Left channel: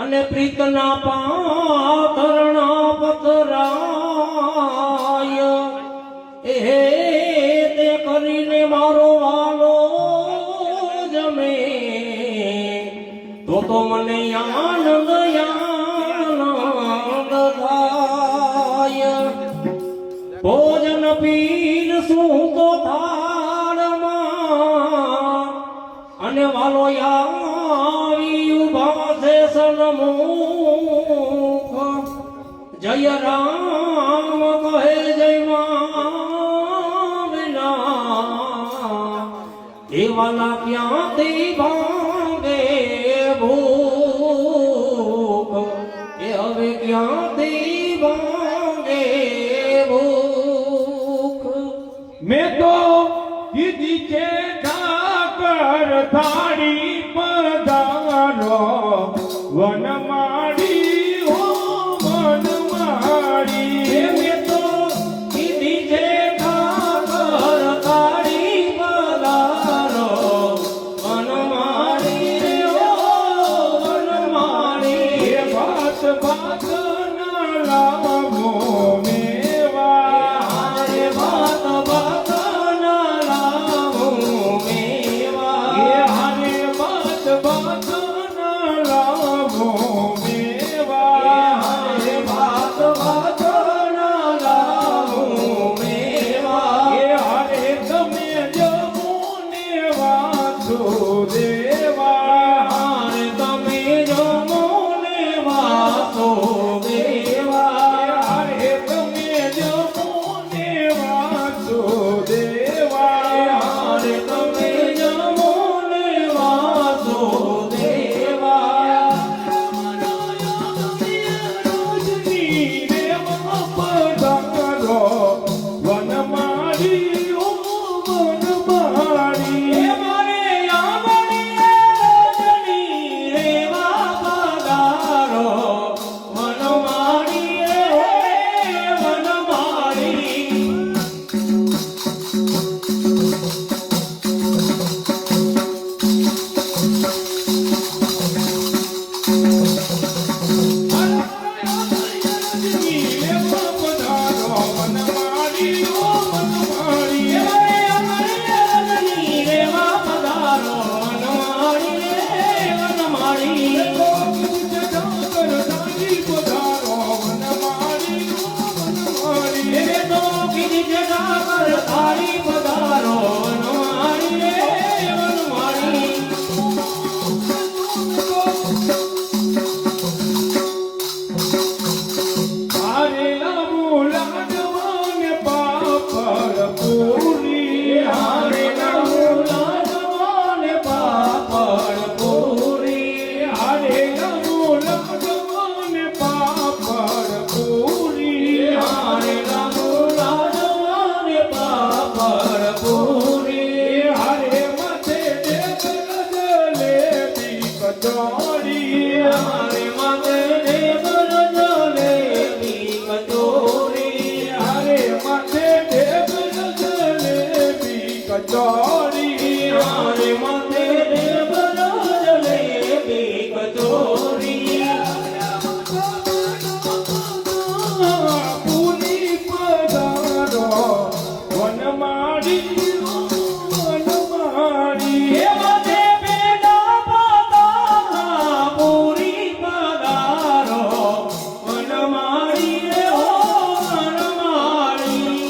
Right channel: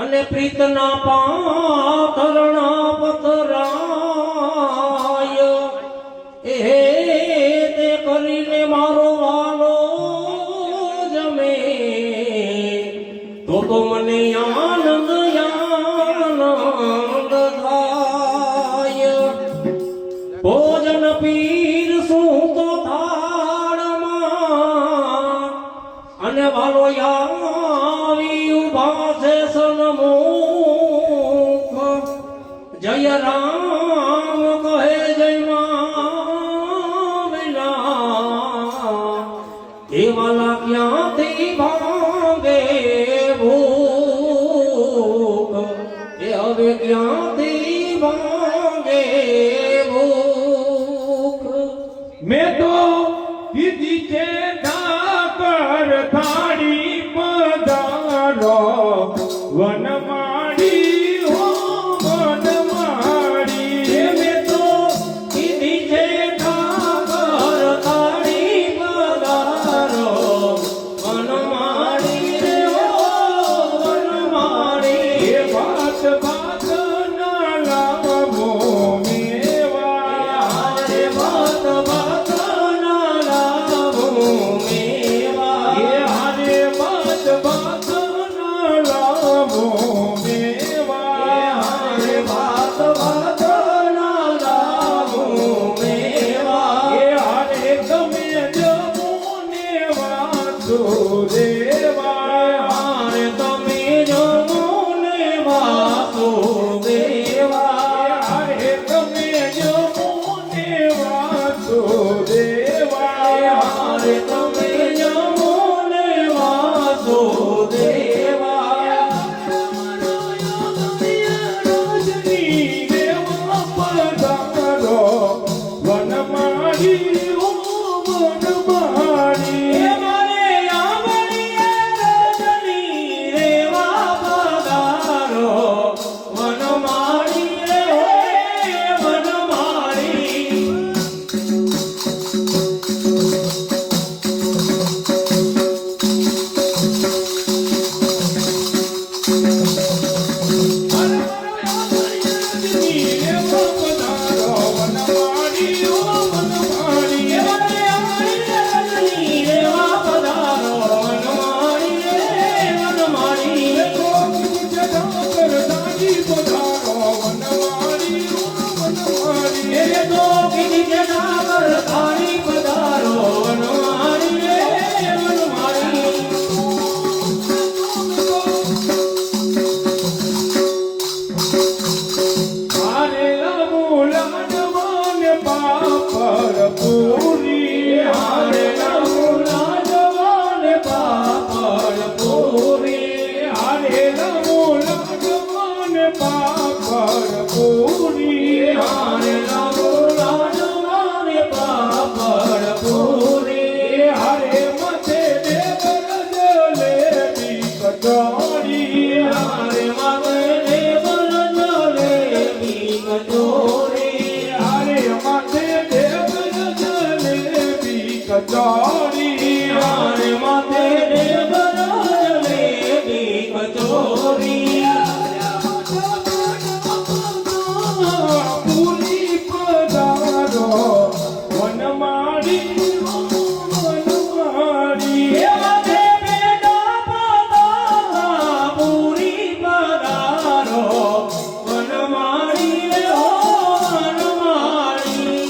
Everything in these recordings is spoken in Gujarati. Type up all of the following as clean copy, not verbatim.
અને પ્રીતના પાથરણા પથરાય એ તે કરીને મારો વાલો જમે તો મને આનંદ આનંદ થાય ભોજન પીર શું તો થાળમાં અને વાલો આવી ઉભા છે સન્મુખ જય રામ કહે જય વિના એ વાલા ક્યાંથી ભાંગે ભૂખ એ હવે ક્યાંથી ભાંગે ભૂખ મેં તો કીધી છે ઠાકર થાળી પધારો વનમાળી હો વનમાળી મેં તો કીધી છે ઠાકર થાળી પધારો વનમાળી રે હો વનમાળી એ વાત વાત ના લાવો મેવા એ વાત વાત ના લાવો મેવા એ હારે વાત વાત ના લાવો મેવા હારે વાત વાત ના લાવો મેવા એ હારે તમે જમોને વાતો દેવા હારે તમે જમોને વાતો દેવા હારે તમે જમોને વાતો દેવા હારે તમે જમોને વાતો દેવા રોજની રેવા પધારો વનમાળી ઓ વનમાળી મારે આંગણીએ રજની રેવા પધારો વનમાળી રે વનમાળી કચોરી હારે માથે દેવર જલેબી કચોરી પૂરી પધારો વનમાળી વનમાળી માથે બેટા પધારા પૂરી પધારો વનમાળી રે હો વનમાળી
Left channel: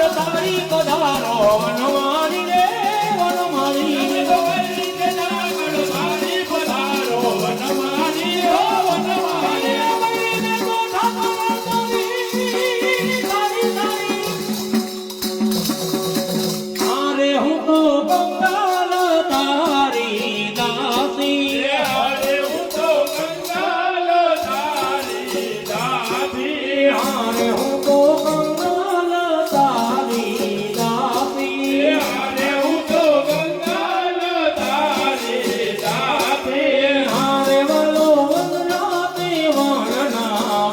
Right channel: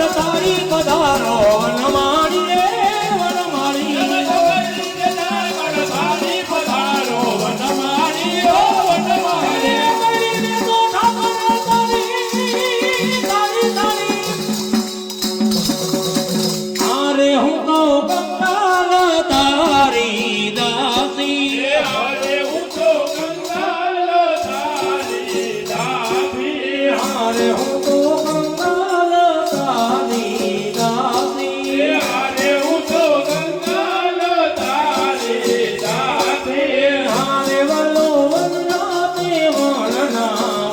જગત તારી પધારો વનમાળી રે વનમાળી અરે હું તો કંગાલ તારી દાસી અરે હું તો કંગાલ તારી દાસી હારે વલો વનરાતે વનનાવાસી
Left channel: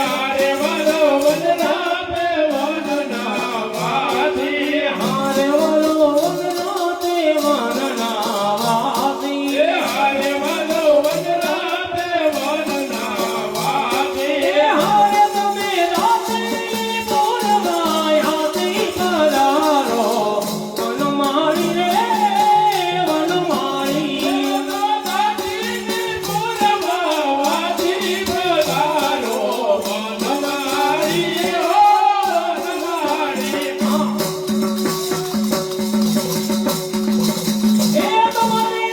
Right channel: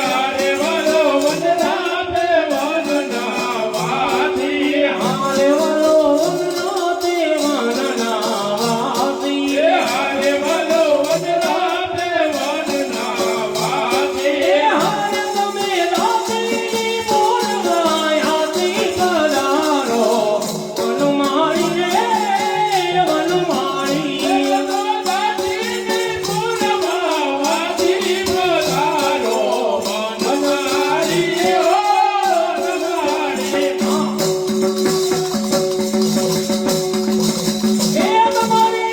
હારે વલો વનરાતે વનનાવાસી હારે વલો વનરાતે વનનાવાસી હારે વલો વનરાતે વનનાવાસી હારે તમે રાતની પોરગાય હાથી સદારો વનમાળી રે વનમાળી એ તમારી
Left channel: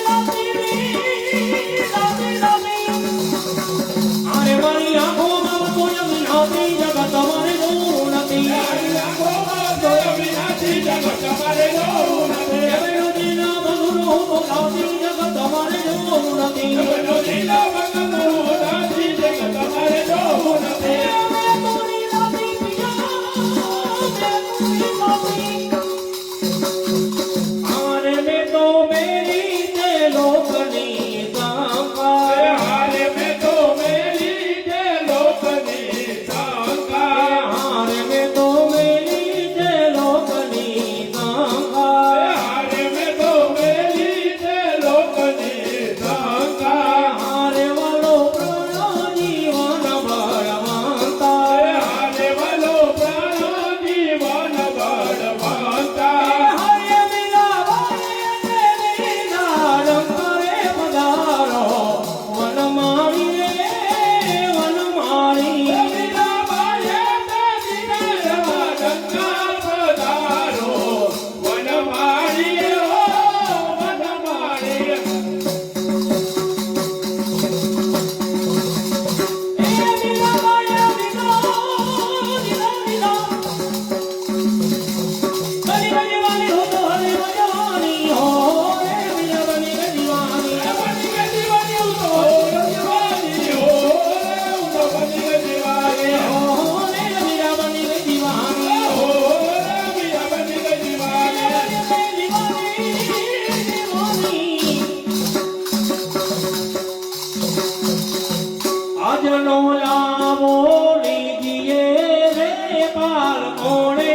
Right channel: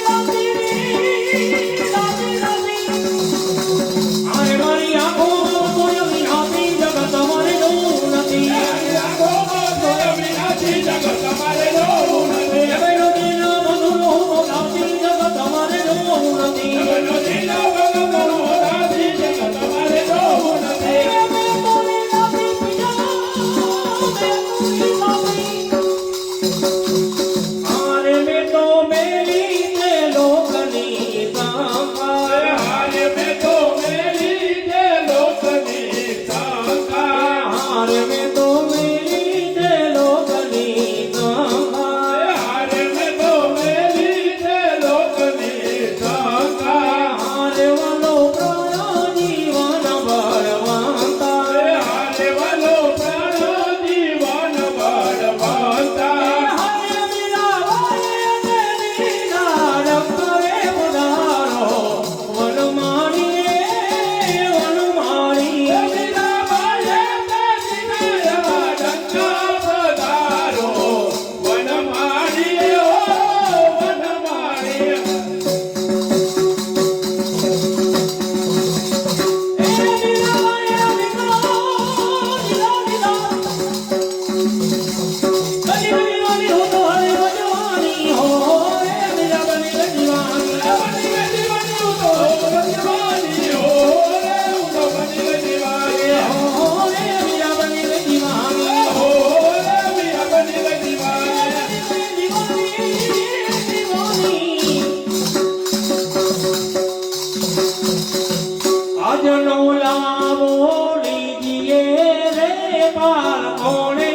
આરે વાળી આંખોમાં સોયની નહોતી જગત તમારે જોવું નથી એવેલો દિલો બગડો બોલાવતી જગત તમારે જોવું નથી આરે મેં તો મેરી તે લોકની સંગા હારે મેં તો મેરી તે લોકની સંગા હારે મેં તો મેરી તે લોકની સંગા હારે મેં તો મેરી તે લોકની સંગા હારે વાલો પ્રાણ જીવન બળવંતા હારે વાલો પ્રાણ જીવન બળવંતા હારે મિલાવાય દેવીના રંગરે પધારો વનમાળી રે વનમાળી મિલાવાય દેવીના રંગરે પધારો વનમાળી ઓ વનમાળી એ મિલાવાય ગલી ગલી ગલી હો તો હરે રજાની હો રે મીરા બની દીવાની બની દીવાની હો તો રજવાની હો રે ઉડા બની દીવાની હો રે મીરા બની દીવાની હો રે મીરા બની દીવાની આજનો લાવો લીજીએ રે પાલ કોણે